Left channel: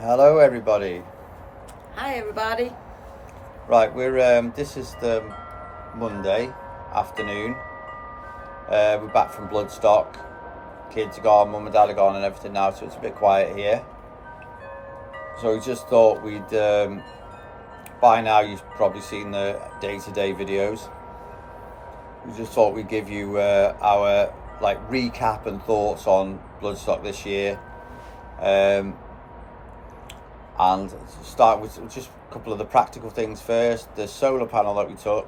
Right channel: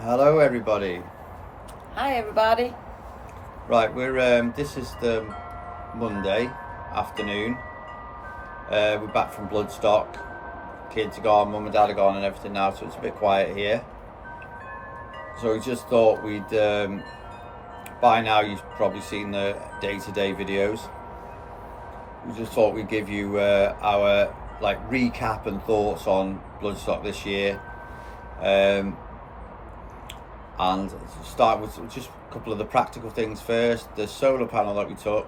Hello everybody. Hi everybody. Right, we're this is the Monday afternoon. We're back from Bloodstock. Kids are gone, mum and dad are gone and everything now, so it's a bit quiet here. So we just thought we'd by now you've probably seen the day-to-day videos. We just thought we'd give you our recap and thoughts on Bloodstock this year. And start with just a couple of the practical things first. The solar panel that we took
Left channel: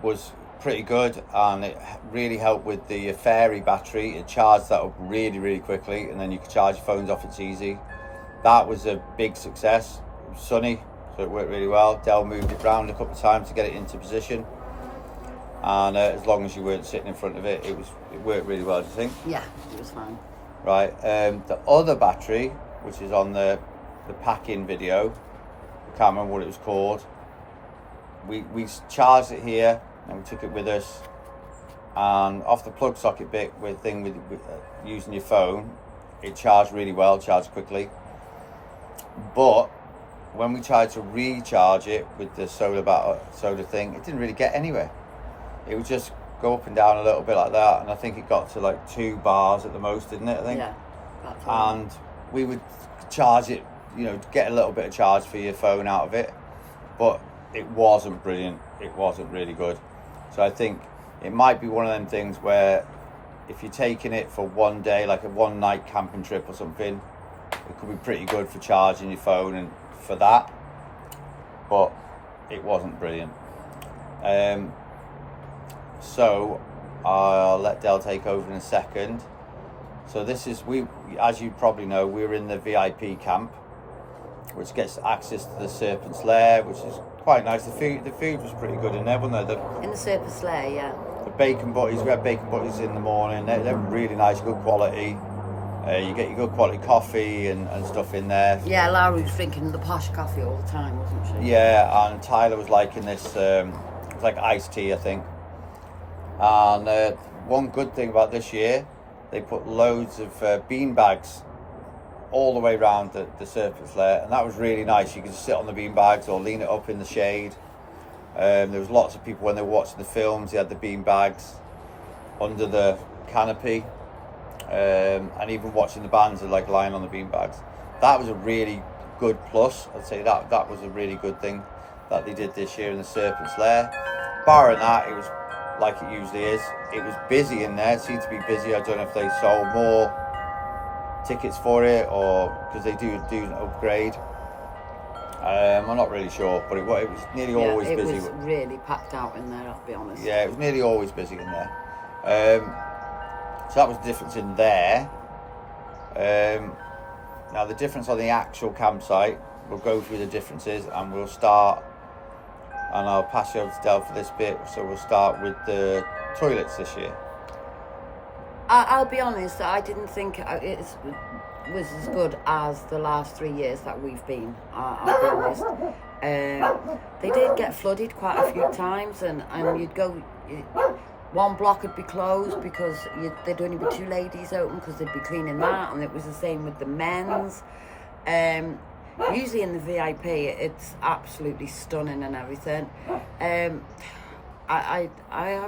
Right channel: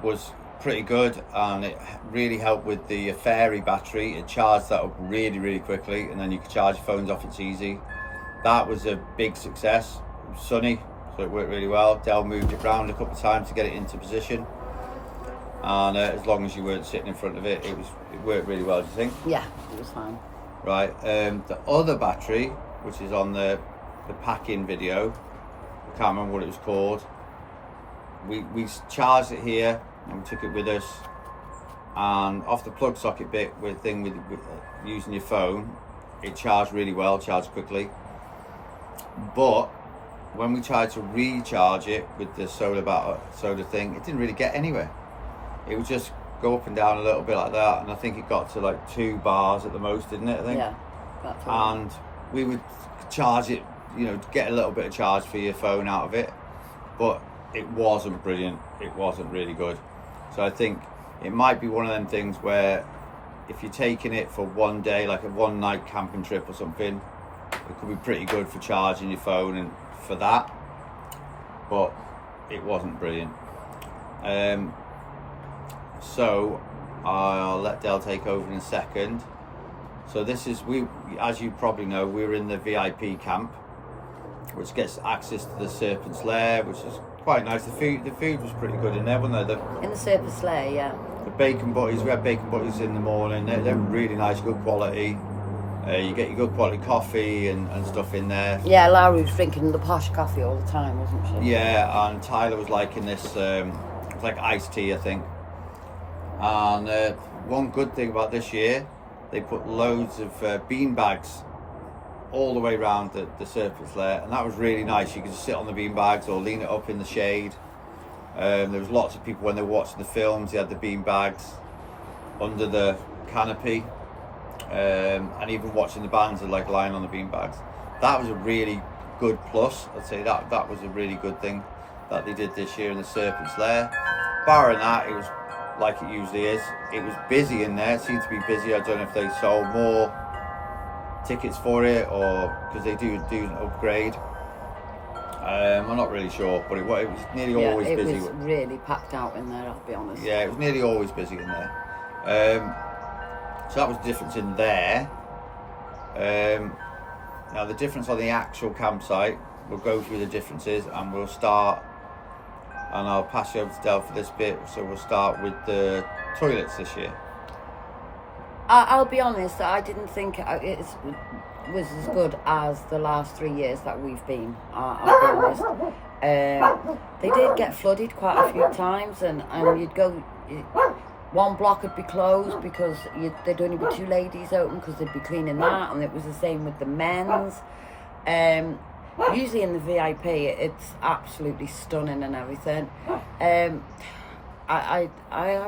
was pretty good, and it really helped with the fairy battery. It charged that up really quickly, and then you can charge your phones off. It's easy. That was a big success. It was sunny, so it worked really well. Del moved it round a couple of times to get it into position, and as long as you weren't sitting in front of it, it worked really well. Do you think? Yeah, it was fine. Right. The other battery, which is on the pack-in video, I can't remember what it was called. We charged it here and we took it with us, and off the plug socket bit with using your phone, it charged really well, charged quickly. But when we tried to recharge it with the solar thing, it didn't really get anywhere. It would just go up and down a little bit like that, and I think it got to like 2 bars at the most, didn't it? I think. Yeah, that's all. And we would charge it, get a little bit of charge for your phone out of it, but it wasn't brilliant. It wasn't really good. So I think it might be one of them things where if you're taking it for one day, like a one night camping trip or something, it could be pretty good for charging your phone and for that, but it wasn't brilliant. So I'll let Del take over in a second. So this is, as you probably know, we're in the VIP camp, which gets access to the Serpent's Lair, which is quite nice. The food was pretty good in there, wasn't there? In the Serpent's Lair, yeah. The bacon butties, we had bacon butties in the morning. They're really nice, good quality. You get your good quality coffee and stuff in there. Yeah, Laura was drinking the posh coffee all the time, wasn't she? Yeah, and Tyler was liking this, it's like iced tea, I think. And one good thing about this year, they put loads of bean bags all the way around the Serpent's Lair, and that was really nice. You could just sit on the bean bags or lean it up in the shade. There was lots of people when they were watching the films, they had the bean bags under the canopy, and even watching the bands are like lying on the bean bags. That was a really good plus. I'd say that was a really good thing that they did this year in the Serpent's Lair. Barring that, it was like it usually is. It was busy in there. It seemed to be busy. I don't know if they sold more tickets for it or because they do an upgrade. I'm not really sure, but it was nearly always busy. It was really packed out in there, I'll be honest. Yeah, it was nearly always busy in there. So that was the difference in there. Now the difference on the actual campsite, we'll go through the differences and we'll start, and I'll pass you over to Del for this bit. So we'll start with the toilets this year. I'll be honest, I didn't think it was as good as the last 3 years that we've been. I'll be honest. They did get flooded quite a few times, and you'd go, one block would be closed because there'd only be 2 ladies open because they'd be cleaning that, and it was the same with the men's. Usually in the VIP, it's absolutely stunning and everything. I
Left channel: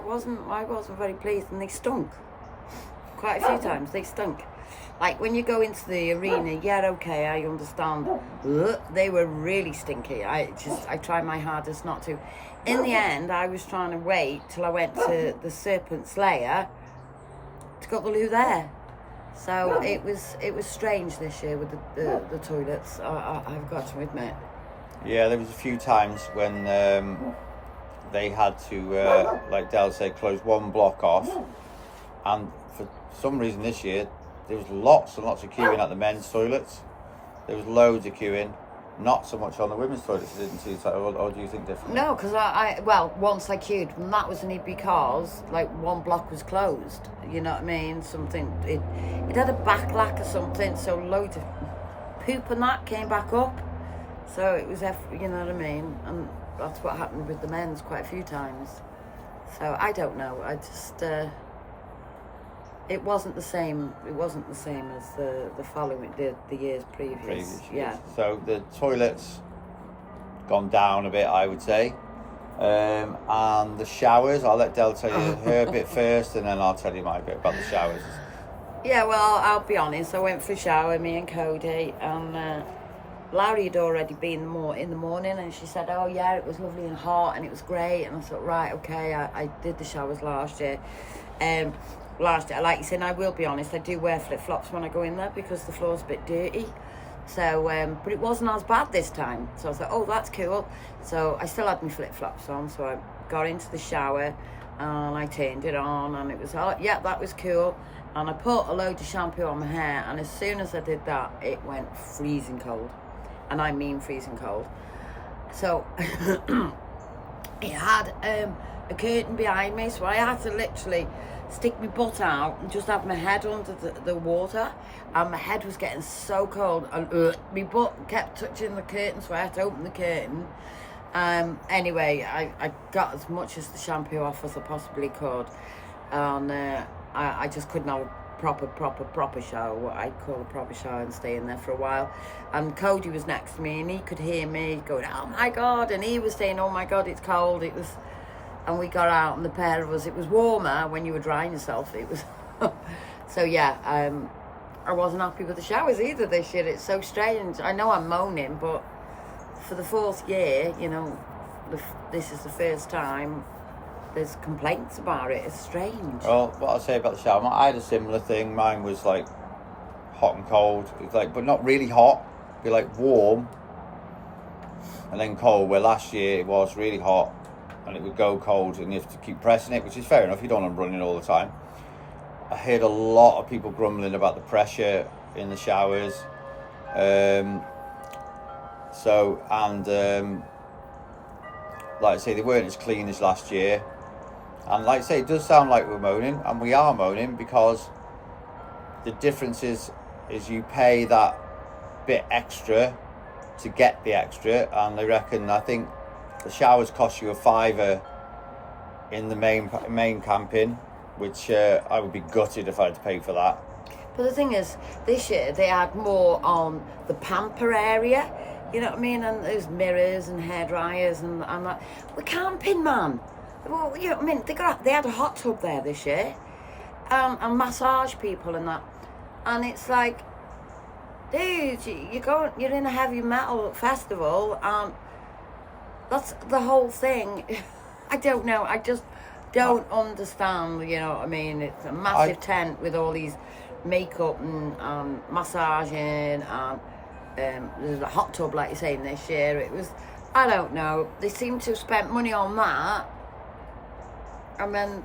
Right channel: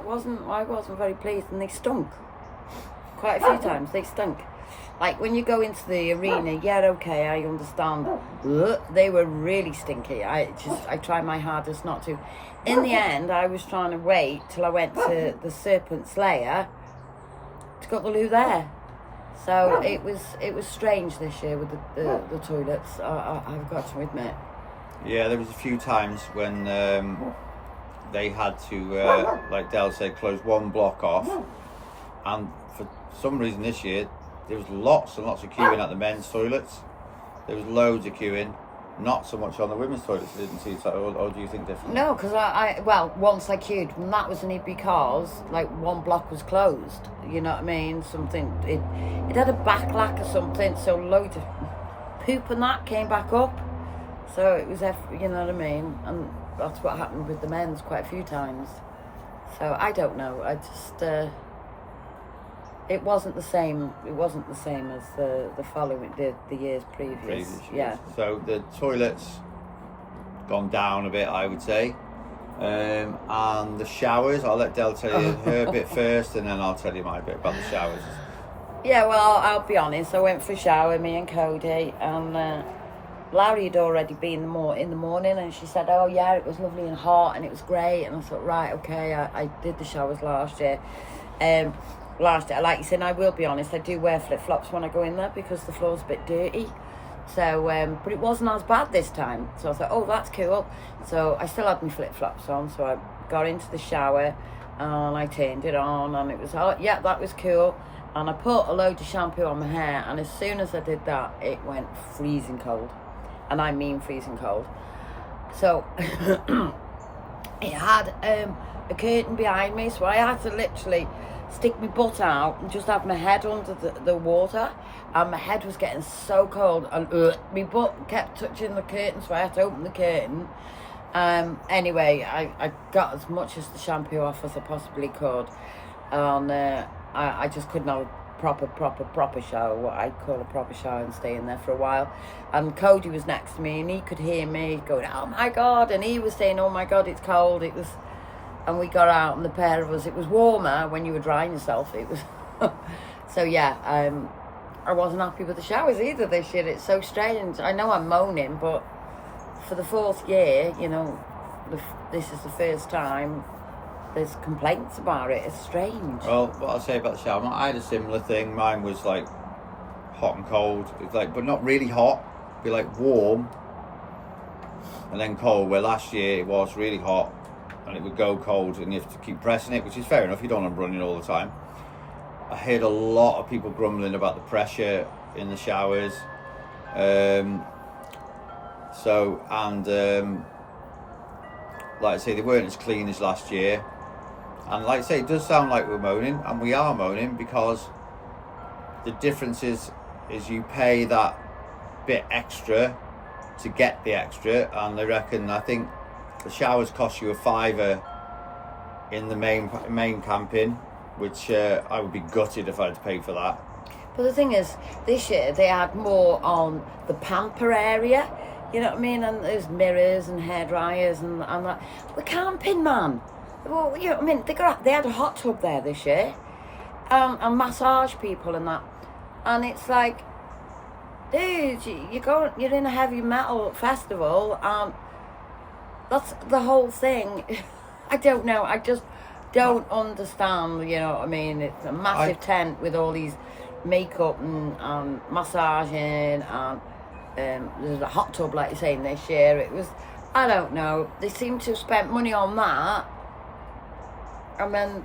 wasn't very pleased, and they stunk. Quite a few times they stunk. Like when you go into the arena, yeah, okay, I understand. They were really stinky. I tried my hardest not to. In the end, I was trying to wait till I went to the Serpent's Lair to got the loo there. So it was strange this year with the toilets. I've got to admit. Yeah, there was a few times when they had to, like Del said, close one block off, and for some reason this year there was lots and lots of queuing at the men's toilets. There was loads of queuing, not so much on the women's toilets. I didn't see it, or do you think differently? No, because once I queued, and that was only because like one block was closed. You know what I mean? Something it had a backlack or something, so loads of poop and that came back up. So it was, you know what I mean? And that's what happened with the men's quite a few times. So I don't know. I just It wasn't the same. It wasn't the same as the following the years previous. Yeah. So the toilets gone down a bit, I would say. And the showers, I'll let Del tell you her bit first, and then I'll tell you my bit about the showers. Yeah, well, I'll be honest. I went for a shower, me and Cody, and Larry had already been in the morning, and she said, "Oh yeah, it was lovely and hot, and it was great." And I thought, right, okay, I did the showers last year. Last year, like you said, I will be honest, I do wear flip flops when I go in there because the floor's a bit dirty. So, but it wasn't as bad this time. So I thought, oh, that's cool. So I still had my flip flops on. So I got into the shower and I turned it on, and it was, oh, yeah, that was cool. And I put a load of shampoo on my hair, and as soon as I did that, it went freezing cold. And I mean freezing cold. So it had a curtain behind me, so I had to literally stick my butt out and just have my head under the water, and my head was getting so cold, and my butt kept touching the curtain, so I had to open the curtain. Anyway, I got as much as the shampoo off as I possibly could, and I just couldn't have a proper shower, what I call a proper shower, and stay in there for a while. And Cody was next to me, and he could hear me going, "Oh my God," and he was saying, "Oh my God, it's cold." It was. And we got out, and the pair of us, it was warmer when you were drying yourself. It was, so yeah, I wasn't happy with the showers either this year. It's so strange. I know I'm moaning, but for the 4th year, you know, this is the first time there's complaints about it. It's strange. Well, what I'll say about the shower, I had a similar thing. Mine was like hot and cold. It's like, but not really hot. It'd be like warm and then cold. Where last year it was really hot, and it would go cold, and you have to keep pressing it, which is fair enough. You don't want them running all the time. I heard a lot of people grumbling about the pressure in the showers. Like I say, they weren't as clean as last year. And like I say, it does sound like we're moaning, and we are moaning, because the difference is you pay that bit extra to get the extra, and I think the showers cost you £5 in the main camping, which I would be gutted if I had to pay for that. But the thing is, this year they had more on the Pamper area, you know what I mean? And there's mirrors and hair dryers and that. We're camping, man. Well, you know what I mean? They had a hot tub there this year, and massage people and that. And it's like, dude, you're in a heavy metal festival, and that's the whole thing. I don't know. I just don't understand, you know what I mean? It's a massive tent with all these makeup and massaging, and there's a hot tub, like you're saying, this year. It was, I don't know. They seem to have spent money on that. And then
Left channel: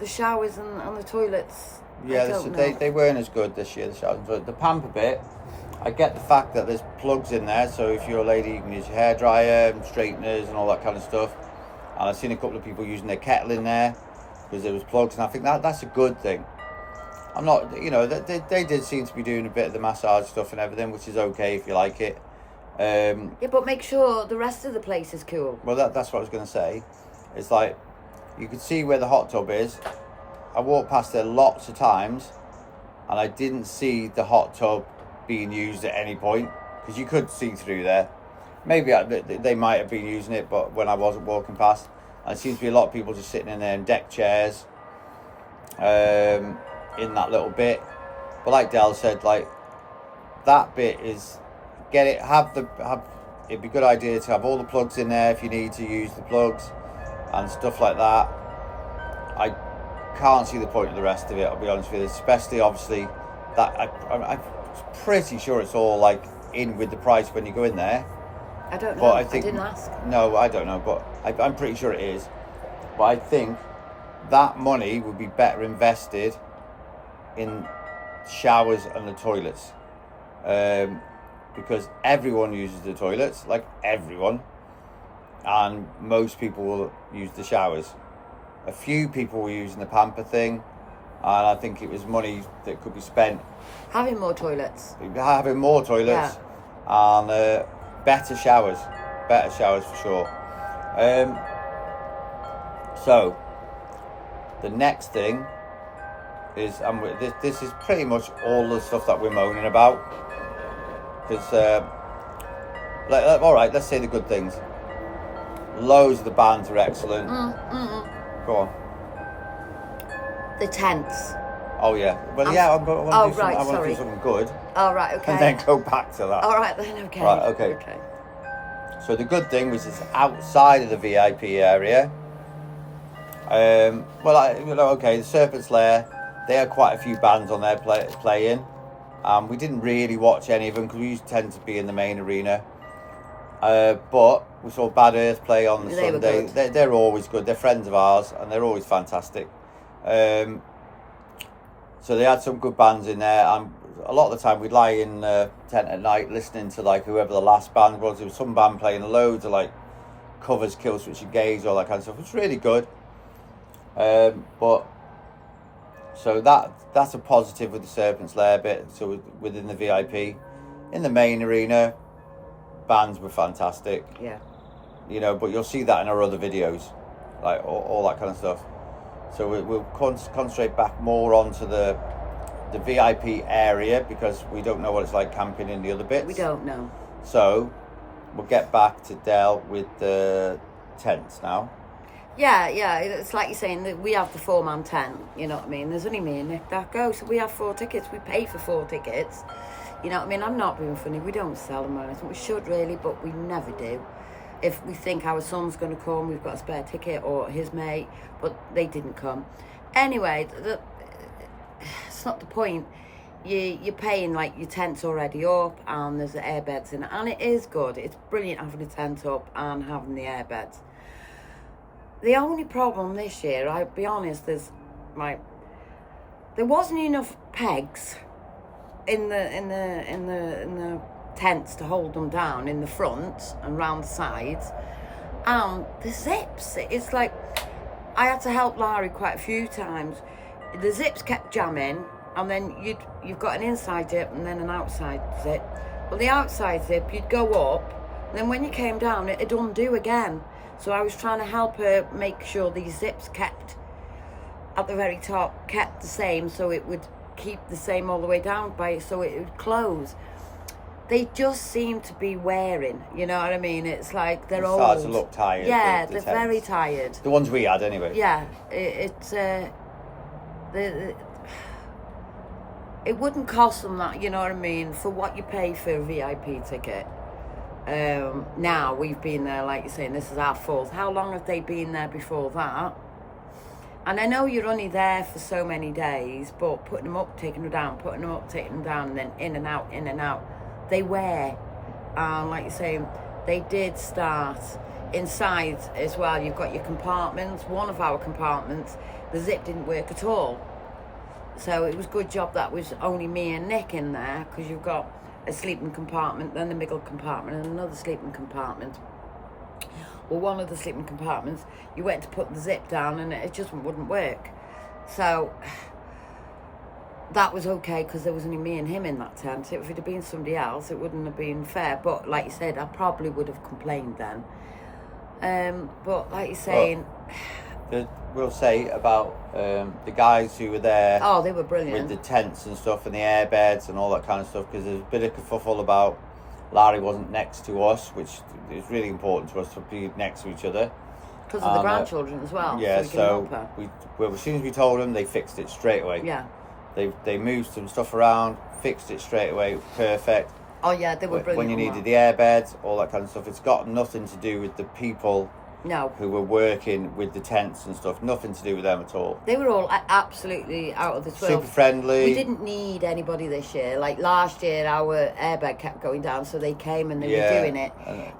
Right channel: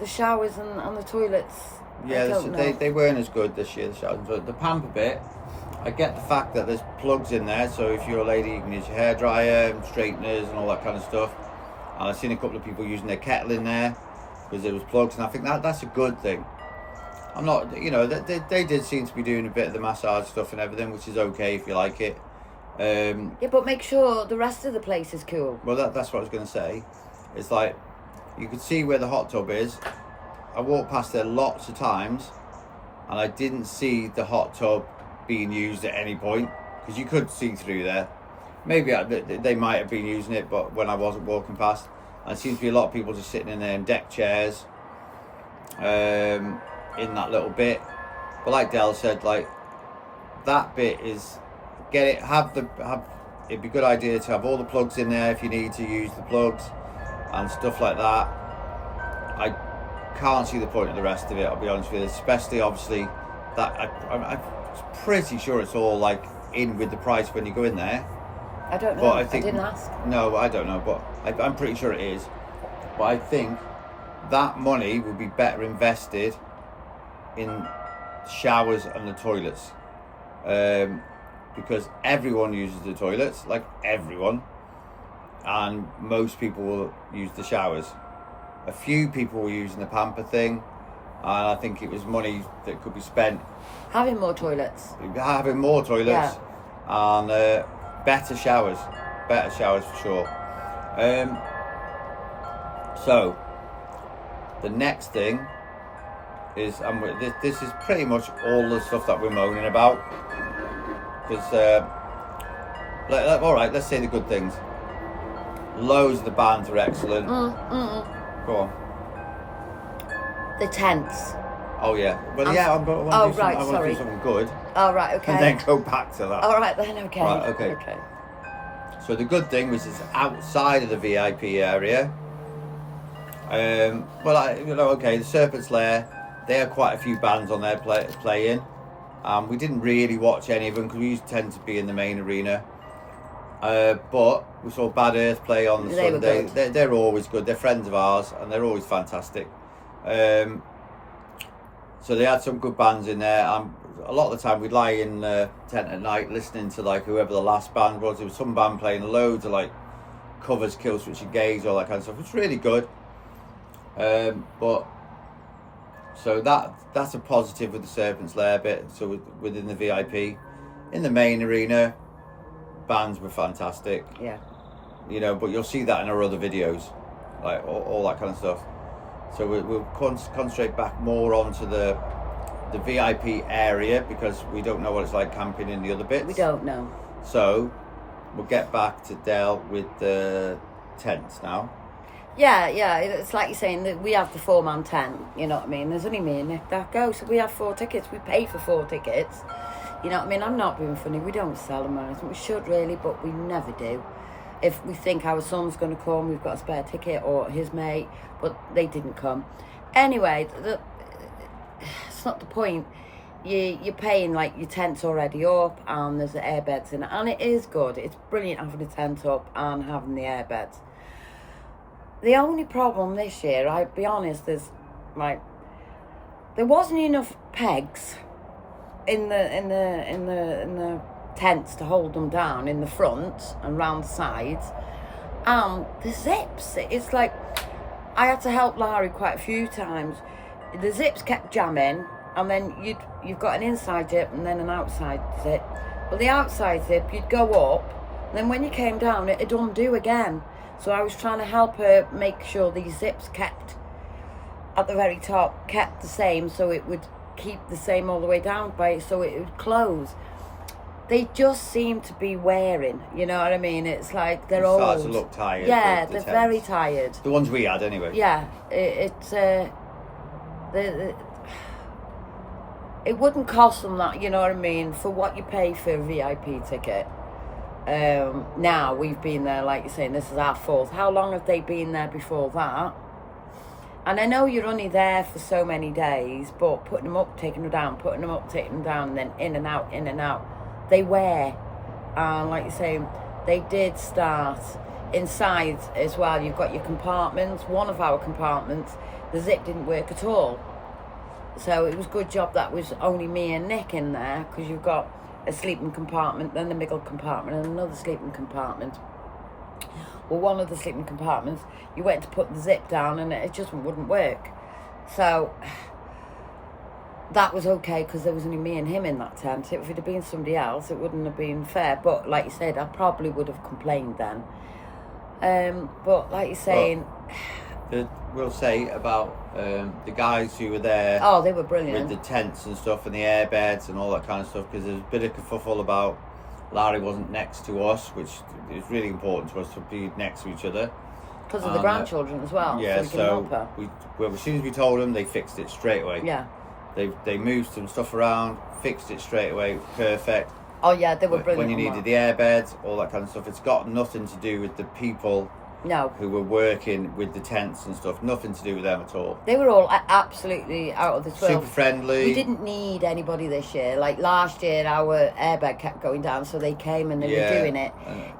the showers and the toilets, yeah, they weren't as good this year, the showers and toilets. The Pamper bit, I get the fact that there's plugs in there, so if you're a lady, you can use your hairdryer and straighteners and all that kind of stuff. And I've seen a couple of people using their kettle in there because there was plugs, and I think that's a good thing. I'm not, you know, they did seem to be doing a bit of the massage stuff and everything, which is okay if you like it. Yeah, but make sure the rest of the place is cool. Well, that's what I was going to say. It's like, you could see where the hot tub is. I walked past there lots of times, and I didn't see the hot tub being used at any point, because you could see through there. Maybe they might have been using it, but when I wasn't walking past, and there seems to be a lot of people just sitting in there in deck chairs, in that little bit. But like Del said, like, that bit is, it'd be a good idea to have all the plugs in there if you need to use the plugs and stuff like that. I can't see the point of the rest of it, I'll be honest with you, especially obviously that I'm pretty sure it's all like in with the price when you go in there. I don't know. I didn't ask. No, I don't know, but I'm pretty sure it is. But I think that money would be better invested in showers and the toilets, because everyone uses the toilets, like everyone, and most people will use the showers. A few people were using the Pamper thing, and I think it was money that could be spent having more toilets, yeah. And better showers for sure. So the next thing is, and this is pretty much all the stuff that we're moaning about. Because, all right, let's say the good things. Loads of the bands are excellent. Go on. The tents. Oh yeah. Well, yeah. I want to do something good. Oh right, okay. And then go back to that. All right then, okay. Right, okay. So the good thing was it's outside of the VIP area. The Serpent's Lair. They had quite a few bands on there playing. We didn't really watch any of them because we used to tend to be in the main arena. But we saw Bad Earth play on the Sunday. They're always good. They're friends of ours and they're always fantastic. So they had some good bands in there. A lot of the time we'd lie in tent at night listening to like whoever the last band was. There was some band playing loads of like covers, Killswitch Engage, all that kind of stuff. It's really good. So that's a positive with the Serpent's Lair bit. So within the VIP, in the main arena, bands were fantastic. Yeah. You know, but you'll see that in our other videos, like all that kind of stuff. So we'll concentrate back more onto the VIP area because we don't know what it's like camping in the other bits. We don't know. So we'll get back to Del with the tents now. Yeah, it's like you're saying that we have the 4-man tent, you know what I mean? There's only me and Nick that go, so we have 4 tickets. We pay for 4 tickets, you know what I mean? I'm not being funny. We don't sell them or anything. We should really, but we never do. If we think our son's going to come, we've got a spare ticket, or his mate, but they didn't come. Anyway, it's not the point. You're paying like your tent's already up and there's the airbeds in it, and it is good. It's brilliant having a tent up and having the airbeds. The only problem this year, I'll be honest, is like there wasn't enough pegs in the tents to hold them down in the front and round the sides, and the zips. It's like I had to help Larry quite a few times. The zips kept jamming, and then you've got an inside zip and then an outside zip. Well, the outside zip, you'd go up, and then when you came down, it'd undo again. So I was trying to help her make sure these zips kept at the very top, kept the same, so it would keep the same all the way down so it would close. They just seem to be wearing, you know what I mean? It's like they're old. Starts to look tired. Yeah, they're very tired. The ones we had anyway. Yeah, it wouldn't cost them that, you know what I mean, for what you pay for a VIP ticket. Now we've been there, like you're saying, this is our 4th. How long have they been there before that? And I know you're only there for so many days, but putting them up, taking them down, putting them up, taking them down, and then in and out, they wear. Like you're saying, they did start inside as well. You've got your compartments. One of our compartments, the zip didn't work at all. So it was a good job that was only me and Nick in there, because you've got a sleeping compartment, then a middle compartment, and another sleeping compartment. Well, one of the sleeping compartments, you went to put the zip down and it just wouldn't work. So that was okay because there was only me and him in that tent. If it had been somebody else, it wouldn't have been fair. But like you said, I probably would have complained then. But like you're saying, we'll say about the guys who were there. Oh, they were brilliant. With the tents and stuff and the airbeds and all that kind of stuff, because there's a bit of kerfuffle about Larry wasn't next to us, which is really important to us to be next to each other. Because of the grandchildren as well. Yeah, so we can help her. As soon as we told them, they fixed it straight away. Yeah. They moved some stuff around, fixed it straight away, perfect. Oh yeah, they were brilliant. When you needed the airbeds, all that kind of stuff. It's got nothing to do with the people who were working with the tents and stuff. Nothing to do with them at all. They were all absolutely out of this world. Super friendly. We didn't need anybody this year. Like last year, our airbed kept going down, so they came and they were doing it.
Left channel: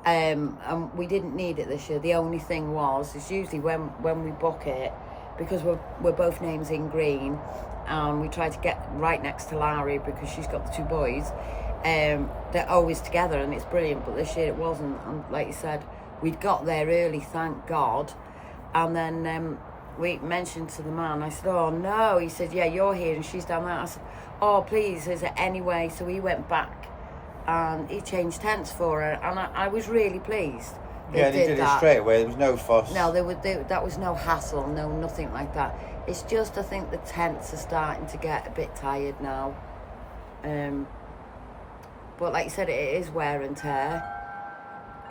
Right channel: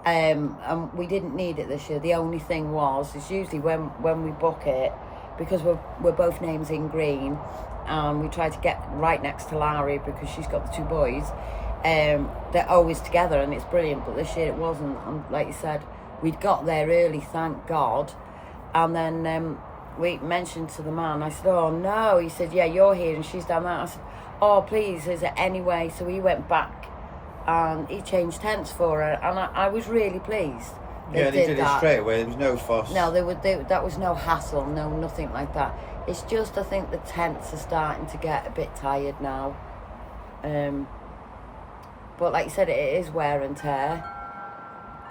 And we didn't need it this year. The only thing is usually when we book it, because we're both names in green, and we try to get right next to Larry because she's got the 2 boys. They're always together, and it's brilliant. But this year it wasn't. And like you said, we'd got there early, thank God. And then we mentioned to the man, I said, oh no. He said, yeah, you're here and she's down there. I said, oh please, is it any way? So he went back and he changed tents for her, and I was really pleased They did it straight away. There was no fuss. No, that was no hassle, nothing like that. It's just, I think the tents are starting to get a bit tired now. But like you said, it is wear and tear.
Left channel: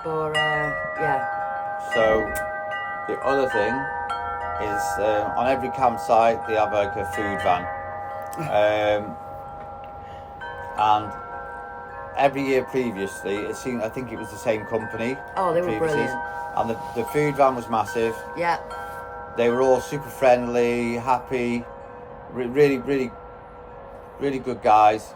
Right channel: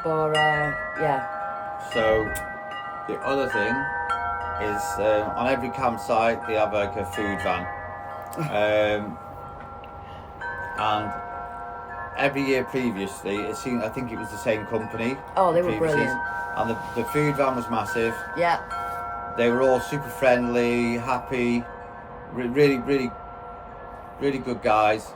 But yeah. So the other thing is on every campsite they have like a food van, and every year previously, I think it was the same company. Oh, they were brilliant. And the food van was massive. Yeah. They were all super friendly, happy, really good guys.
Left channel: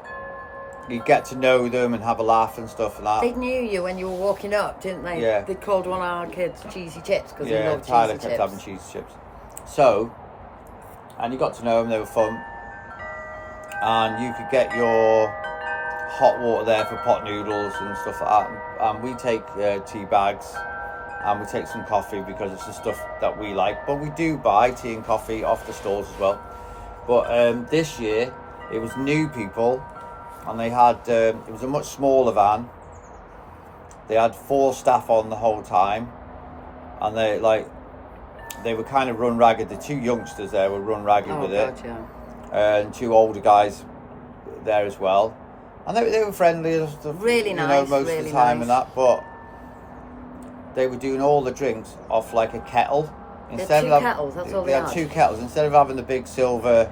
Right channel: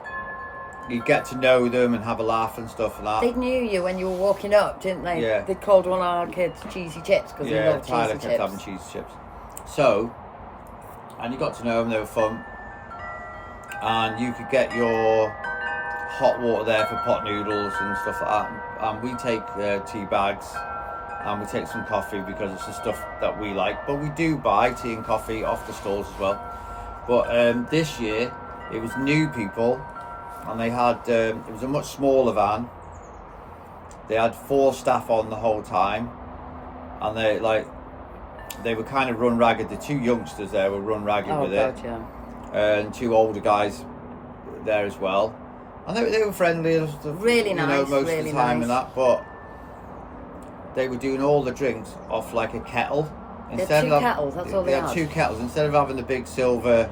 You get to know them and have a laugh and stuff and that. They knew you when you were walking up, didn't they? Yeah. They called one of our kids cheesy chips because they love Tyler cheesy kept chips. having cheesy chips. So, and you got to know them, they were fun. And you could get your hot water there for pot noodles and stuff like that. And we take tea bags and we take some coffee because it's the stuff that we like. But we do buy tea and coffee off the stalls as well. But this year, it was new people. And they had, it was a much smaller van. They had 4 staff on the whole time. And they were kind of run ragged. The 2 youngsters there were run ragged with it. Yeah. And 2 older guys there as well. And they were friendly and stuff. Really nice, most really of the time nice. and that. But they were doing all the drinks off like a kettle. They had 2 kettles, that's all they had. They had 2 kettles. Instead of having the big silver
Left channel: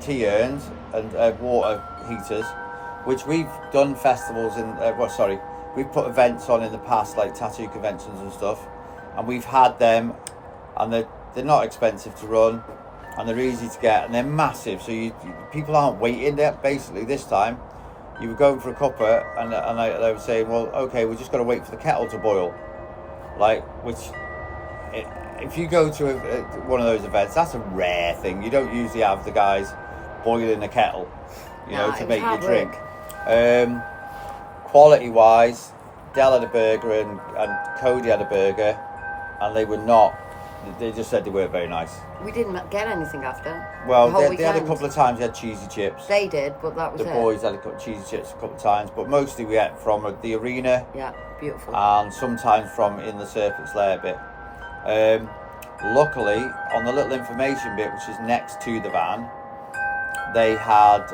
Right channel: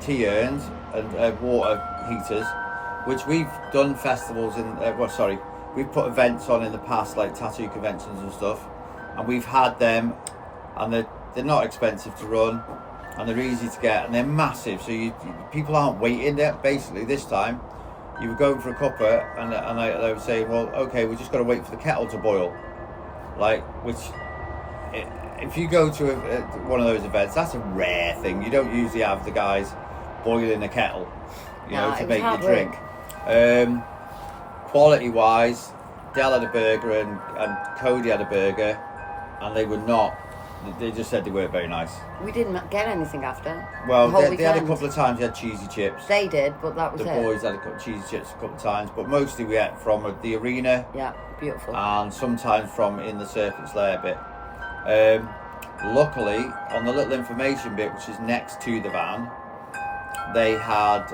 tea urns and water heaters, which we've done festivals in, we've put events on in the past, like tattoo conventions and stuff, and we've had them, and they're not expensive to run, and they're easy to get, and they're massive, so people aren't waiting there. Basically this time you were going for a cuppa and they were saying, well, okay, we're just got to wait for the kettle to boil, if you go to one of those events, that's a rare thing. You don't usually have the guys boiling the kettle, to make your drink. Quality wise, Del had a burger and Cody had a burger, and they just said they weren't very nice. We didn't get anything after. Well, they had a couple of times, they had cheesy chips. They did, but that was the boys had a couple of cheesy chips a couple of times, but mostly we ate from the arena. Yeah, beautiful. And sometimes from in the Serpent's Lair bit. Luckily, on the little information bit, which is next to the van, they had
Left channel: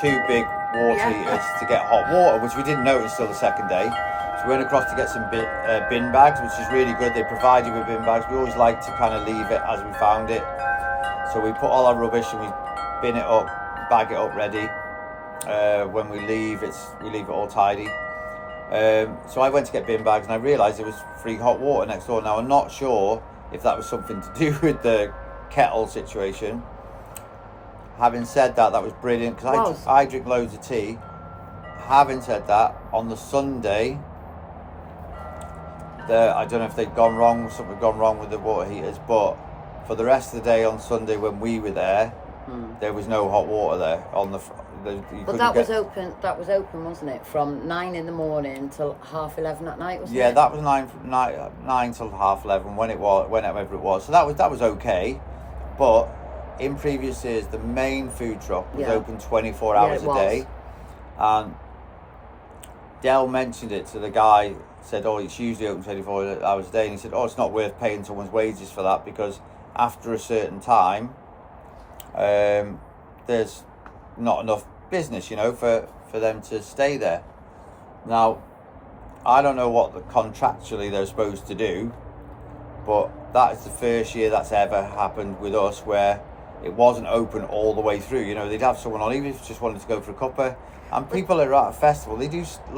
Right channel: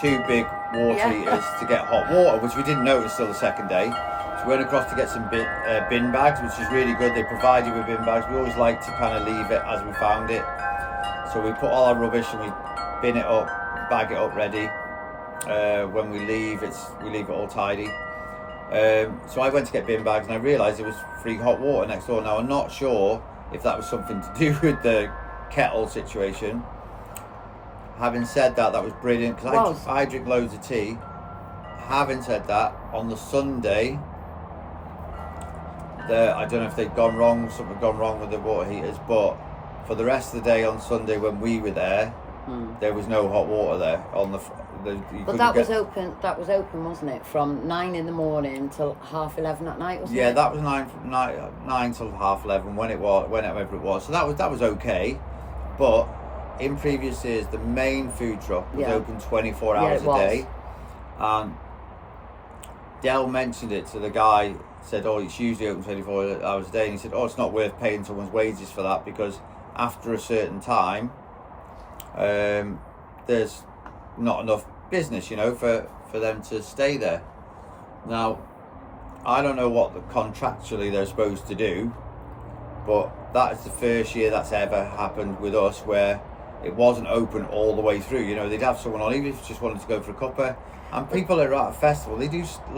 2 big water heaters to get hot water, which we didn't notice till the second day. So we went across to get some bin bags, which is really good. They provide you with bin bags. We always like to kind of leave it as we found it. So we put all our rubbish and we bin it up, bag it up ready. When we leave, we leave it all tidy. So I went to get bin bags and I realised there was free hot water next door. Now I'm not sure if that was something to do with the kettle situation. Having said that, that was brilliant because I drink loads of tea. Having said that, on the Sunday, I don't know if they'd gone wrong, something had gone wrong with the water heaters, but for the rest of the day on Sunday when we were there, there was no hot water there on but that was open. That was open, wasn't it? From 9 in the morning till 11:30 at night, wasn't it? Yeah, that was 9 till 11:30 whenever it was. So that was okay, but in previous years the main food truck was open 24 hours a day, and Del mentioned it to the guy. Said, "Oh, it's usually open 24 hours a day," and he said, "Oh, it's not worth paying someone's wages for that because after a certain time, there's not enough business, for them to stay there." Now, I don't know what contractually they're supposed to do, but that is the first year that's ever happened with us where it wasn't open all the way through. They'd have someone on, even if you just wanted to go for a cuppa. And people are at a festival,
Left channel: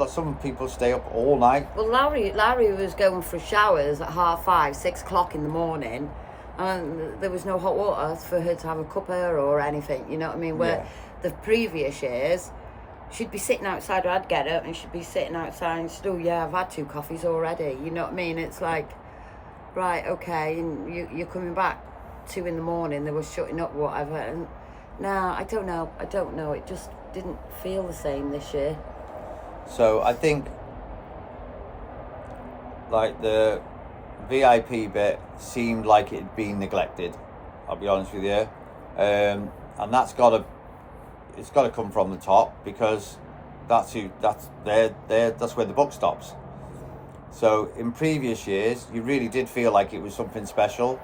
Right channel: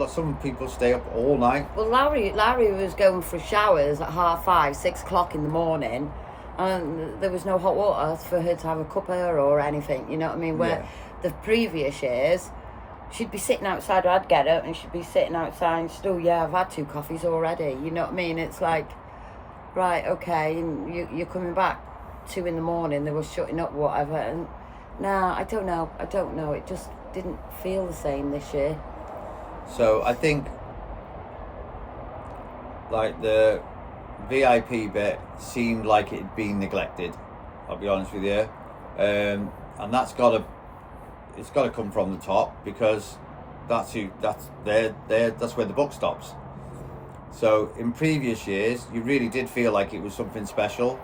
some people stay up all night. Well, Larry was going for showers at 5:30, 6 o'clock in the morning, and there was no hot water for her to have a cuppa or anything, you know what I mean? Where the previous years, she'd be sitting outside, or I'd get up and she'd be sitting outside and she'd, "Oh yeah, I've had 2 coffees already," you know what I mean? It's like, right, okay, and you're coming back 2 in the morning, they were shutting up, whatever, and I don't know, it just didn't feel the same this year. So I think like the VIP bit seemed like it had been neglected, I'll be honest with you, and it's got to come from the top, because that's where the buck stops. So in previous years, you really did feel like it was something special.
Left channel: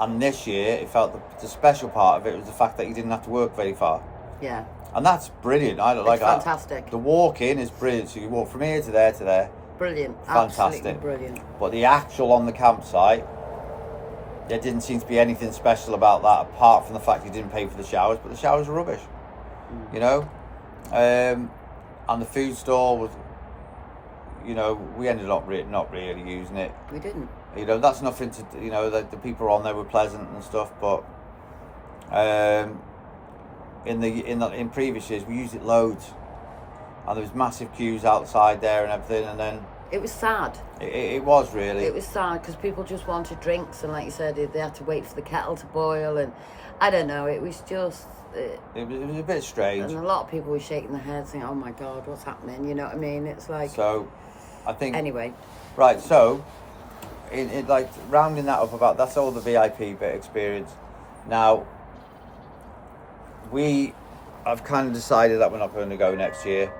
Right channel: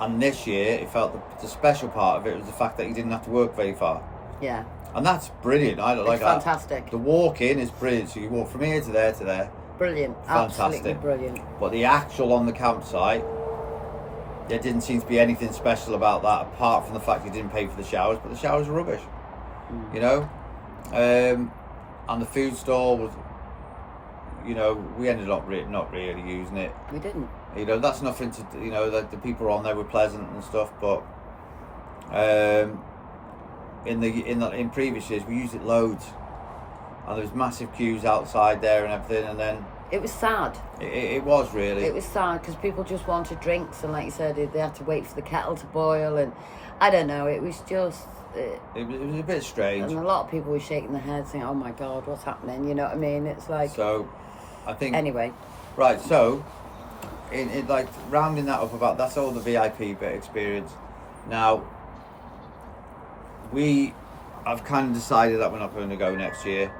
And this year, it felt the special part of it was the fact that you didn't have to work very far. Yeah. And that's brilliant. I like it's fantastic. The walk in is brilliant. So you walk from here to there to there. Brilliant. Fantastic. Absolutely brilliant. But the actual on the campsite, there didn't seem to be anything special about that apart from the fact you didn't pay for the showers. But the showers were rubbish. You know? And the food stall was, you know, we ended up not really using it. We didn't. You know, that's nothing to, you know, the people on there were pleasant and stuff, but in previous years we used it loads, and there was massive queues outside there and everything, and then it was sad. It was really. It was sad because people just wanted drinks, and like you said, they had to wait for the kettle to boil, and I don't know. It was just. It was a bit strange, and a lot of people were shaking their heads, saying, "Oh my God, what's happening?" You know what I mean? It's like. So, I think. Anyway. Right. So, in like rounding that up, about that's all the VIP bit experience. Now, we have kind of decided that we're not going to go next year,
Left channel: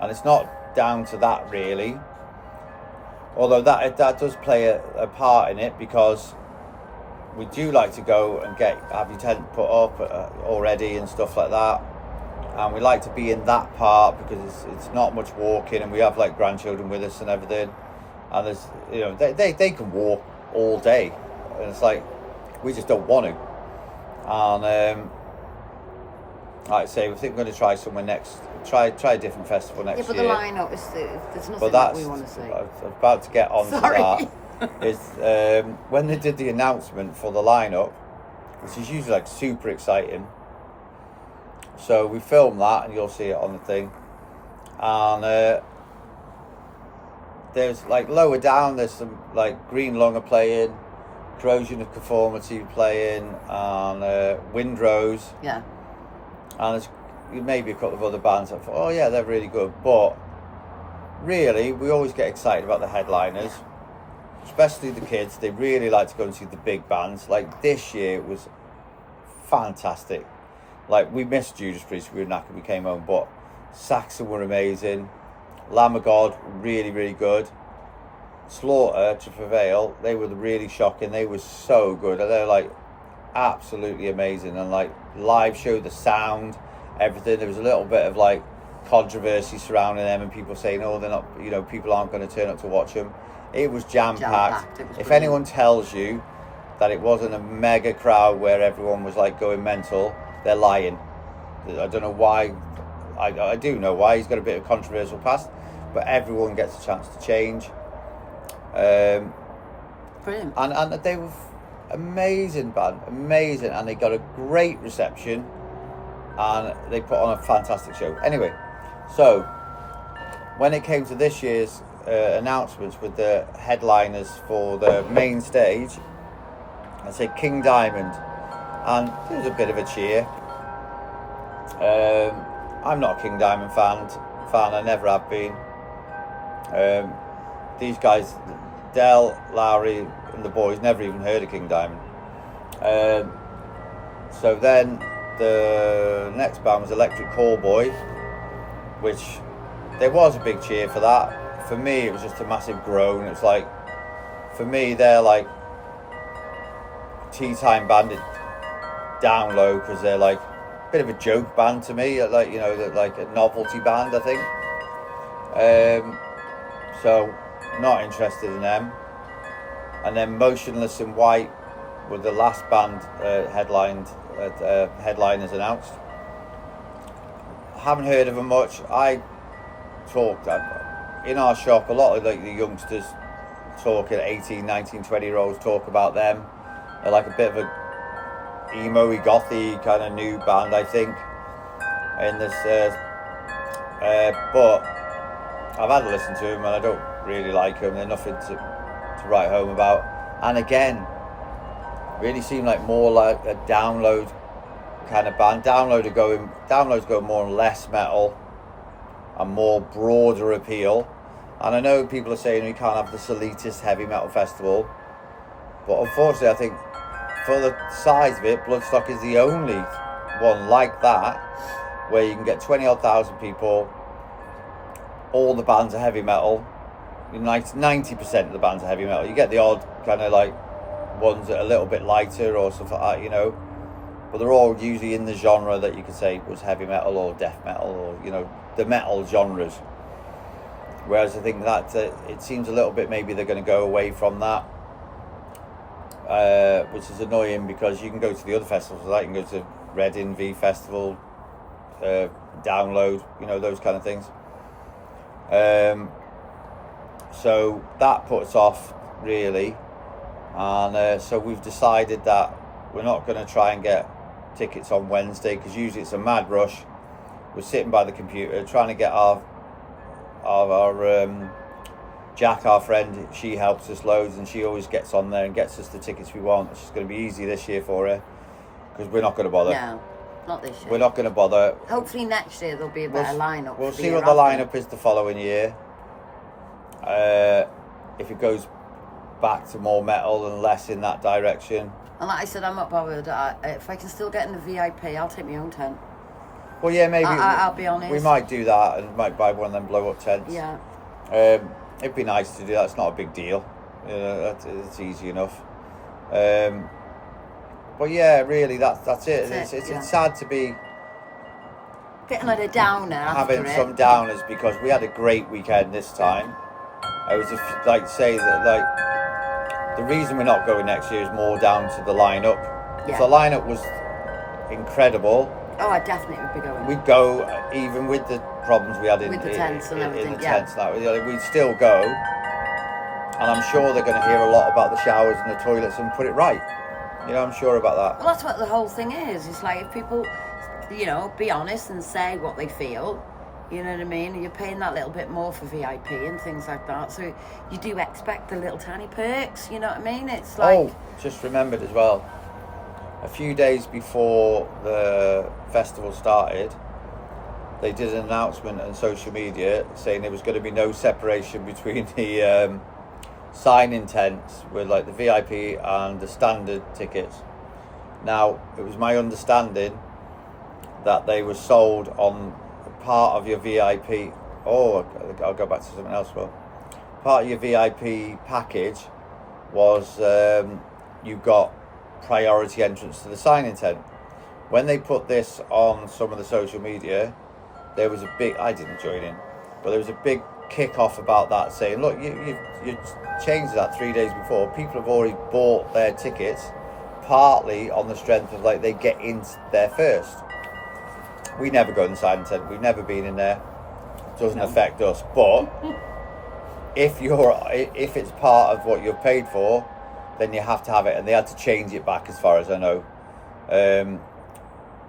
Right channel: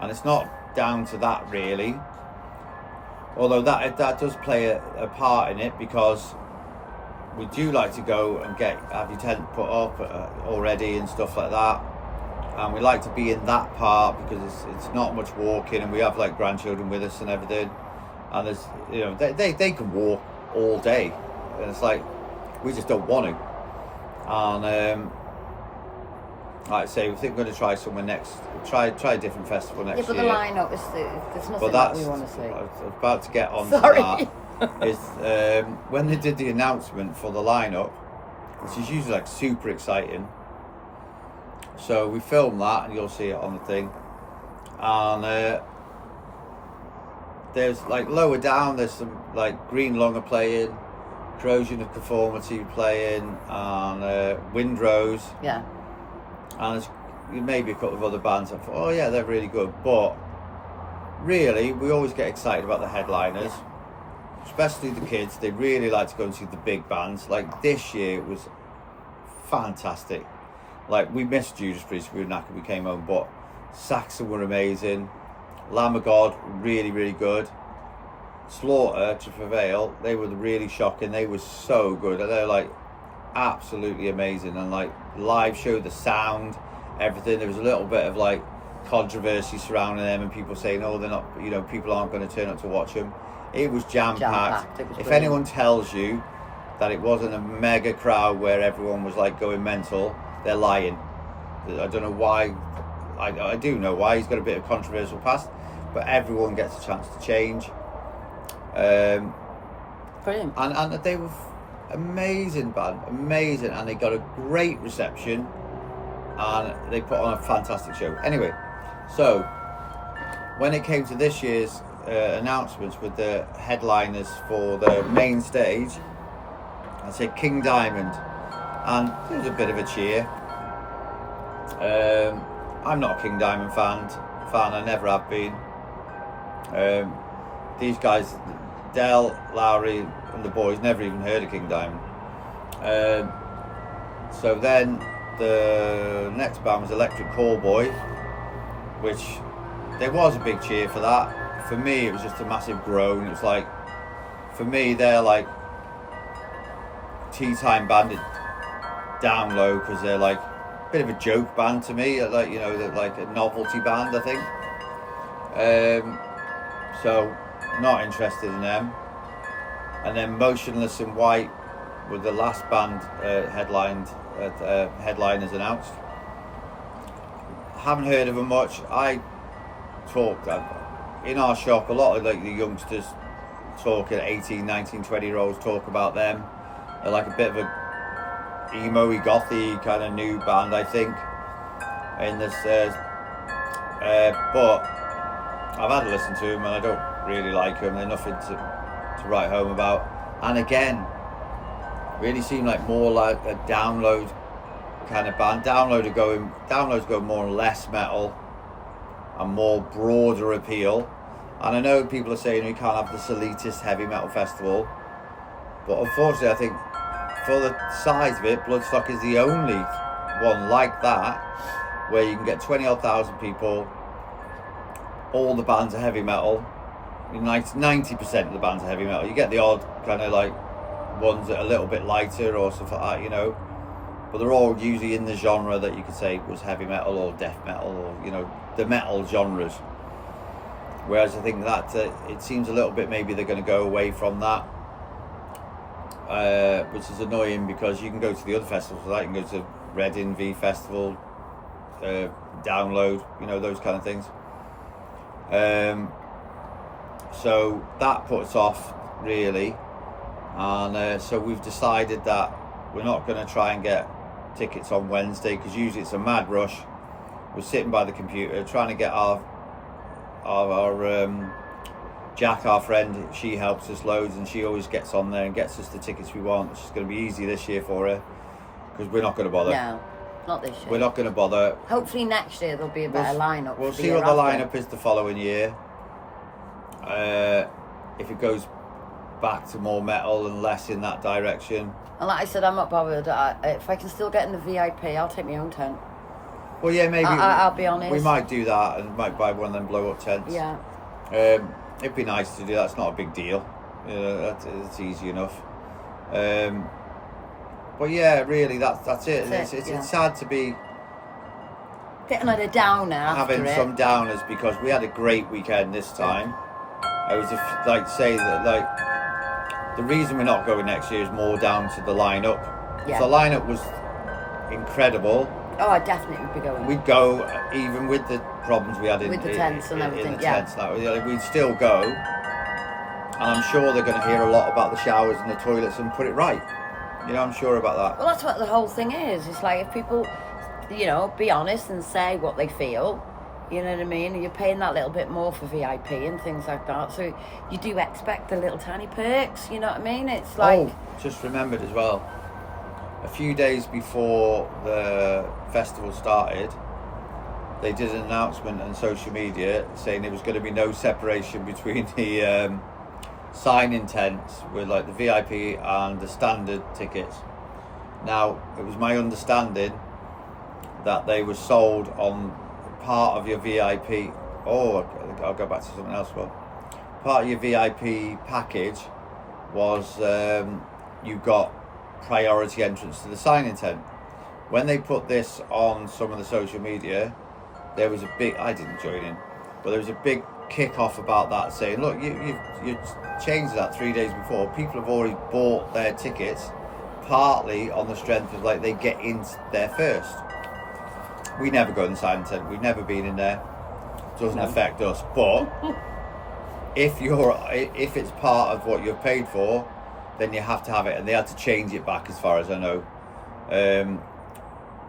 and it's not down to that really. Although that does play a part in it, because we do like to go and have your tent put up already and stuff like that, and we like to be in that part because it's not much walking, and we have like grandchildren with us and everything, and there's, you know, they can walk all day, and it's like we just don't want to. And like I say, we think we're going to try somewhere next. Try a different festival next year. Yeah, but the lineup is there's nothing that we want to say. I was about to get on to that. Is when they did the announcement for the lineup, which is usually like super exciting. So we filmed that, and you'll see it on the thing. And there's like lower down, there's some like Green Lung are playing, Corrosion of Conformity playing, and Windrose. Yeah. And there's maybe a couple of other bands that thought, oh yeah, they're really good. But really, we always get excited about the headliners, especially the kids. They really like to go and see the big bands. Like this year, it was fantastic. Like, we missed Judas Priest, we were knackered, we came home, but Saxon were amazing. Lamb of God, really, really good. Slaughter, to prevail, they were really shocking. They were so good. They're like absolutely amazing, and like live show, the sound, everything. There was a little bit of like controversy surrounding them, and people saying, oh, they're not, you know, people aren't going to turn up to watch them. It was jam-packed. If anyone tells you that it wasn't a mega crowd where everyone was like going mental, they're lying. I don't know why. I do know why. He's got a bit of controversial past, but everyone gets a chance to change. Brilliant. And they were amazing band, amazing, and they got a great reception, and they put on a fantastic show. Anyway, so when it came to this year's announcements with the headliners for the main stage, I said King Diamond, and there was a bit of a cheer. I'm not a King Diamond fan. I never have been. These guys, Del, Lowry, and the boys, never even heard of King Diamond. So then the next band was Electric Callboy, which there was a big cheer for that. For me, it was just a massive groan. It was like, for me, they're like tea time band down low, because they're like a bit of a joke band to me, like, you know, like a novelty band, I think. So not interested in them. And then Motionless in White were the last band headliners announced. Haven't heard of them much. I talked in our shop, a lot of like the youngsters talking, 18, 19, 20-year-olds talk about them. They're like a bit of a emo-y, gothy kind of new band, I think. In this, but I've had a listen to them, and I don't really like them. They're nothing to write home about. And again, really seem like more like a Download kind of band. Download's going more and less metal and more broader appeal. And I know people are saying we can't have this elitist heavy metal festival, but unfortunately I think for the size of it, Bloodstock is the only one like that, where you can get 20,000 people, all the bands are heavy metal, 90% of the bands are heavy metal. You get the odd kind of like ones that are a little bit lighter or stuff like that, you know, but they're all usually in the genre that you could say was heavy metal or death metal, or, you know, the metal genres. Whereas I think that it seems a little bit maybe they're going to go away from that, which is annoying, because you can go to the other festivals, like you can go to Reading V Festival, Download, you know, those kind of things. So that puts off really, and so we've decided that we're not going to try and get tickets on Wednesday, because usually it's a mad rush. We're sitting by the computer trying to get our Jack, our friend, she helps us loads, and she always gets on there and gets us the tickets we want. It's going to be easy this year for her, because we're not going to bother. No, not this year. We're not going to bother. Hopefully next year there'll be a better lineup. We'll see what the lineup is the following year. If it goes back to more metal and less in that direction. And like I said, I'm not bothered. If I can still get in the VIP, I'll take my own tent. Well, yeah, maybe. I'll be honest. We might do that, and might buy one of them blow-up tents. Yeah. It'd be nice to do that. It's not a big deal. You know, it's easy enough. But yeah, really, that's it. It's sad to be getting like a downer having some downers, because we had a great weekend this time. I was say that the reason we're not going next year is more down to the lineup. Yeah. If the lineup was incredible, oh, I definitely would be going. We'd go, even with the problems we had with the tents and everything. We'd still go, and I'm sure they're going to hear a lot about the showers and the toilets and put it right. You know, I'm sure about that. Well, that's what the whole thing is. It's like, if people, you know, be honest and say what they feel, you know what I mean? You're paying that little bit more for VIP and things like that, so you do expect the little tiny perks, you know what I mean? It's like... Oh, just remembered as well, a few days before the festival started, they did an announcement on social media saying there was going to be no separation between the sign-in tents with like the VIP and the standard tickets. Now, it was my understanding that they were sold on part of your VIP. Oh, I'll go back to something else. Well, part of your VIP package was you got priority entrance to the sign-in tent. When they put this on some of the social media, there was a big, I didn't join in, but there was a big kick-off about that, saying, look, you changed that 3 days before. People have already bought their tickets, partly on the strength of like they get in there first. We never go in the sign-in tent. We've never been in there. It doesn't affect us. But if it's part of what you've paid for, then you have to have it, and they had to change it back, as far as I know.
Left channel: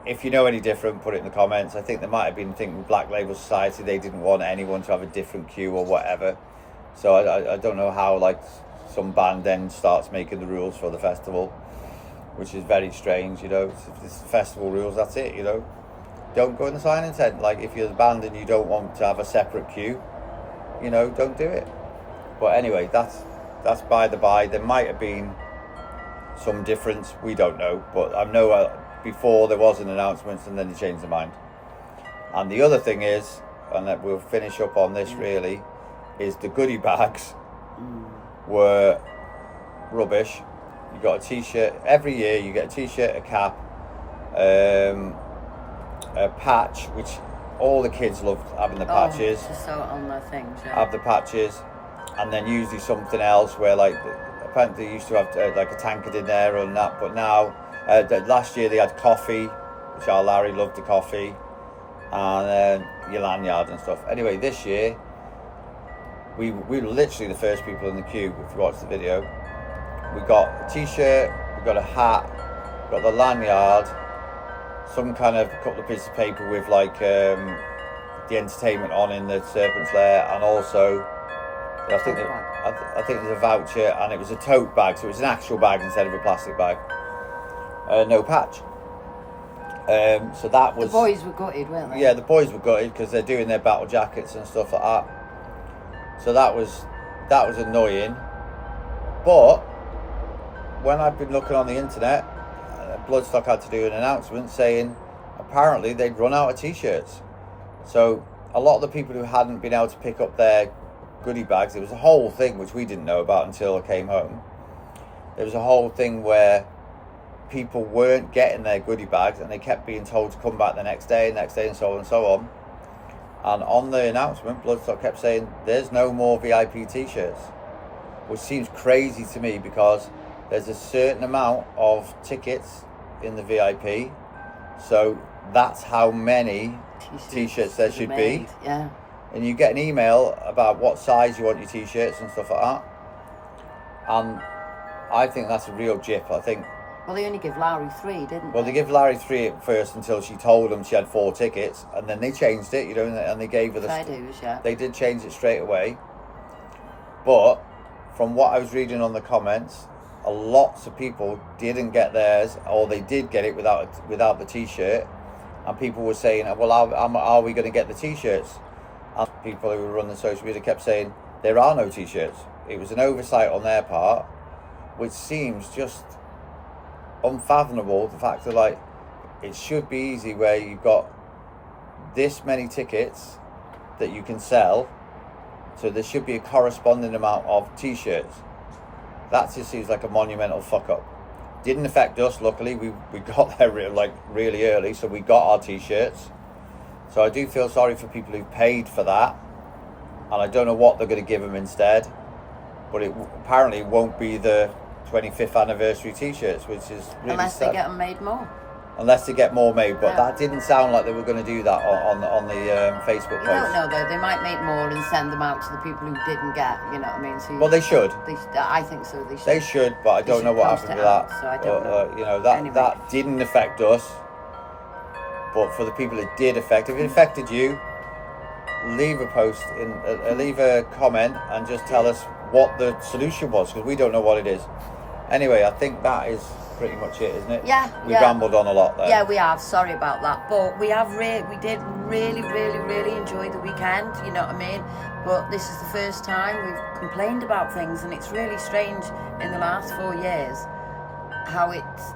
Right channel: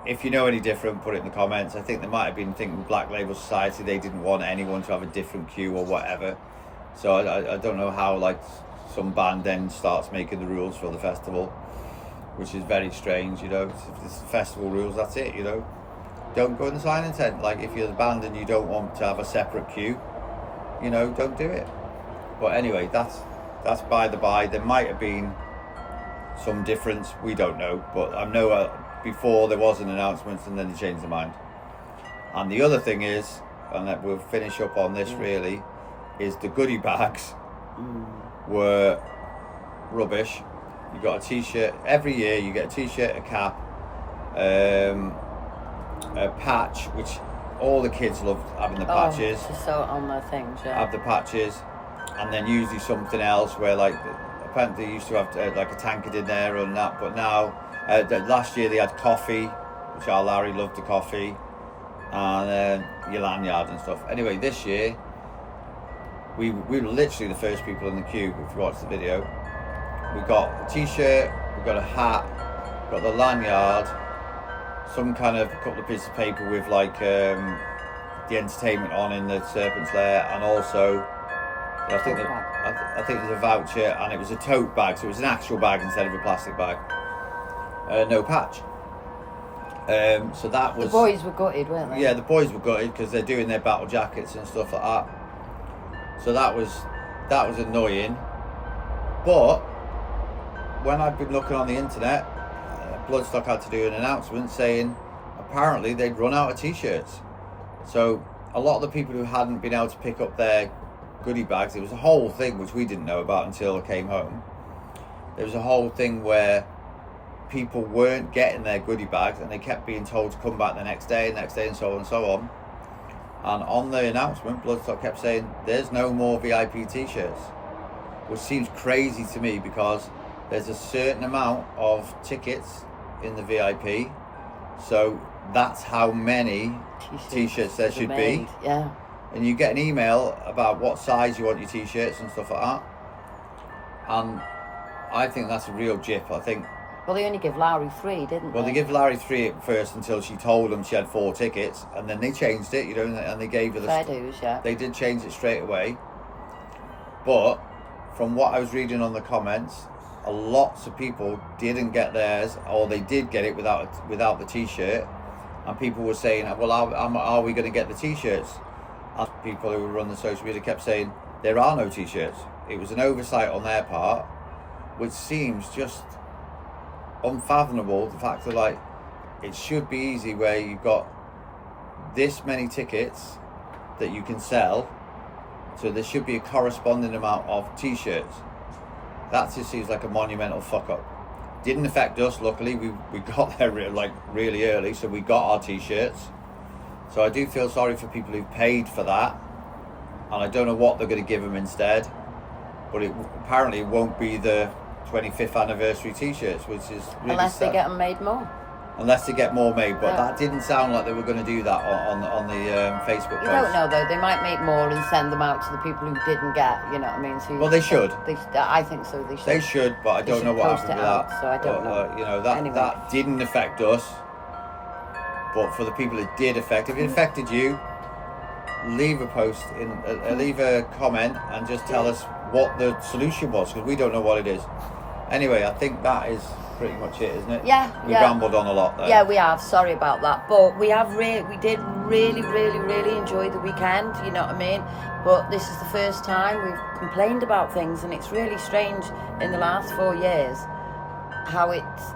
If you know any different, put it in the comments. I think they might have been thinking Black Label Society, they didn't want anyone to have a different queue or whatever. So I don't know how like some band then starts making the rules for the festival, which is very strange, you know. If it's the festival rules, that's it, you know. Don't go in the sign-in tent. Like, if you're the band and you don't want to have a separate queue, you know, don't do it. But anyway, that's by the by. There might have been some difference, we don't know, but I know before there was an announcement and then they changed their mind. And the other thing is, and that we'll finish up on this really, is the goodie bags were rubbish. You got a t-shirt every year. You get a t-shirt, a cap, a patch, which all the kids loved having the patches. To sew on their things, yeah. Have the patches, and then usually something else where like apparently they used to have like a tankard in there and that, but now last year they had coffee, which our Larry loved the coffee, and your lanyard and stuff. Anyway, this year we were literally the first people in the queue. If you watch the video, we got a t-shirt, we got a hat, we got the lanyard, some kind of couple of pieces of paper with like the entertainment on in the Serpent's Lair, and also I think there's a voucher, and it was a tote bag, so it was an actual bag instead of a plastic bag. No patch. So that was... The boys were gutted, weren't they? Yeah, the boys were gutted because they're doing their battle jackets and stuff like that. So that was annoying. But when I've been looking on the internet, Bloodstock had to do an announcement saying apparently they'd run out of t-shirts. So a lot of the people who hadn't been able to pick up their goodie bags. There was a whole thing which we didn't know about until I came home. There was a whole thing where people weren't getting their goodie bags and they kept being told to come back the next day, and so on and so on. And on the announcement, Bloodstock kept saying there's no more VIP t-shirts, which seems crazy to me because there's a certain amount of tickets in the VIP, so that's how many t-shirts there should be. Yeah. And you get an email about what size you want your t-shirts and stuff like that. And I think that's a real jip. I think. Well, they only give Larry 3, didn't they? Well, they give Larry 3 at first until she told them she had 4 tickets, and then they changed it, you know, and they gave her the. Fair dues, yeah. They did change it straight away. But from what I was reading on the comments, lots of people didn't get theirs, or they did get it without the t-shirt, and people were saying, "Well, are we going to get the t-shirts?" And people who were running social media kept saying there are no t-shirts. It was an oversight on their part, which seems just unfathomable. The fact that, like, it should be easy where you've got this many tickets that you can sell, so there should be a corresponding amount of t-shirts. That just seems like a monumental fuck up. Didn't affect us, luckily. We got there really early, so we got our t-shirts. So I do feel sorry for people who paid for that, and I don't know what they're going to give them instead, but apparently it won't be the 25th anniversary t-shirts, which is really unless sad. They get them made more. Unless they get more made, but yeah. That didn't sound like they were going to do that on the Facebook post. You don't know though. They might make more and send them out to the people who didn't get. You know what I mean? So well, they should. I think so. They should. They should, but I don't know what happened with that. So I don't know. You know, that didn't affect us, but for the people it did affect, if it affected you, leave a post leave a comment and just tell us what the solution was, because we don't know what it is. Anyway, I think that is pretty much it, isn't it? Yeah. We rambled on a lot there. Yeah, we have. Sorry about that, but we did really enjoy the weekend. You know what I mean? But this is the first time we've complained about things, and it's really strange in the last 4 years how it's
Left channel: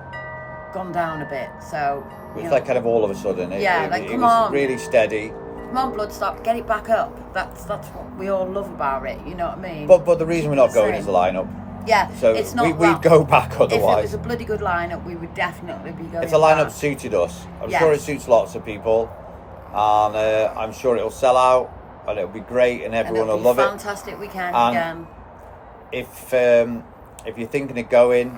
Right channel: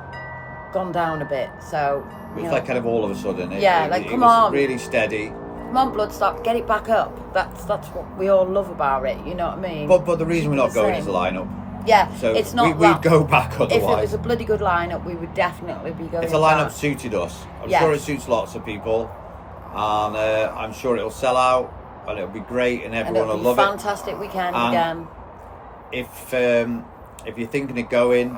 gone down a bit. So it's like kind of all of a sudden. It come was on, really steady. Come on, Bloodstock, get it back up. That's what we all love about it. You know what I mean? But the reason we're not going is the lineup. Yeah, so it's not. We'd go back otherwise. If it was a bloody good lineup, we would definitely be going. If the lineup back. suited us, I'm sure it suits lots of people, and I'm sure it'll sell out, and it'll be great, and everyone will love it. Fantastic weekend and again. If you're thinking of going,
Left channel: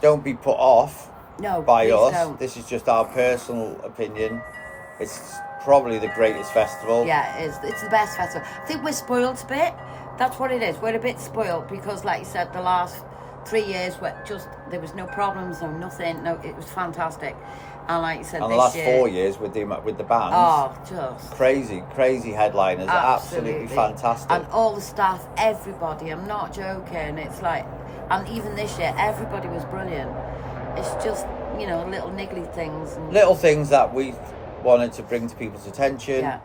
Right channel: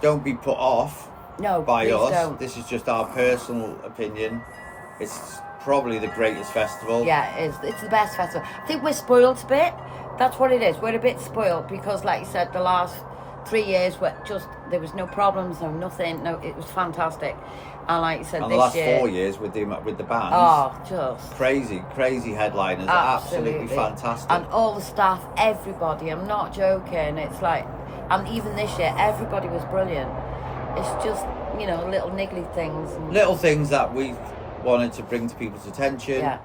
don't be put off by us. Don't. This is just our personal opinion. It's probably the greatest festival. Yeah, it is. It's the best festival. I think we're spoiled a bit. That's what it is. We're a bit spoiled because, like you said, the last 3 years there was no problems, no nothing. No, it was fantastic. And like you said, and the last 4 years with the bands. Oh, just crazy headliners. Absolutely fantastic. And all the staff, everybody. I'm not joking. It's like, and even this year, everybody was brilliant. It's just, you know, little niggly things. Little things that we wanted to bring to people's attention. Yeah.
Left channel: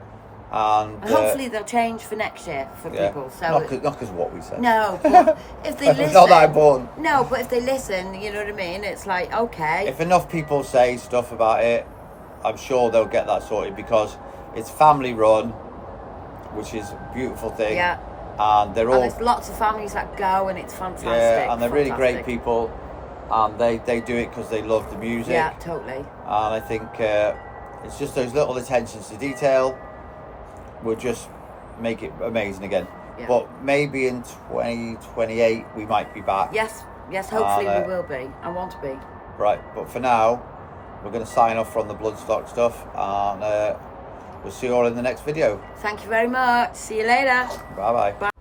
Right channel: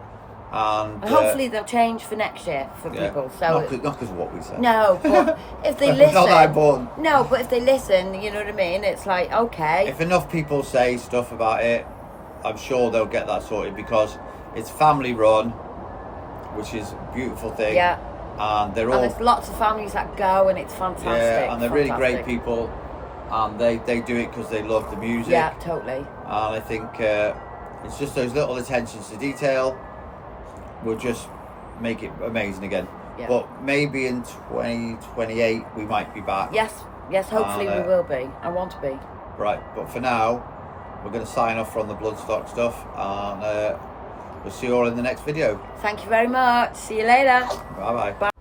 And hopefully they'll change for next year for people. So not because of what we said. No, but if they listen, it's not that important. No, but if they listen, you know what I mean. It's like, okay. If enough people say stuff about it, I'm sure they'll get that sorted, because it's family run, which is a beautiful thing. Yeah. And there's lots of families that go, and it's fantastic. Yeah, and they're really great people, and they do it because they love the music. Yeah, totally. And I think it's just those little attentions to detail will just make it amazing again. Yeah. But maybe in 2028 we might be back. Yes, hopefully we will be. I want to be. Right, but for now, we're going to sign off from the Bloodstock stuff, and we'll see you all in the next video. Thank you very much. See you later. Bye-bye. Bye.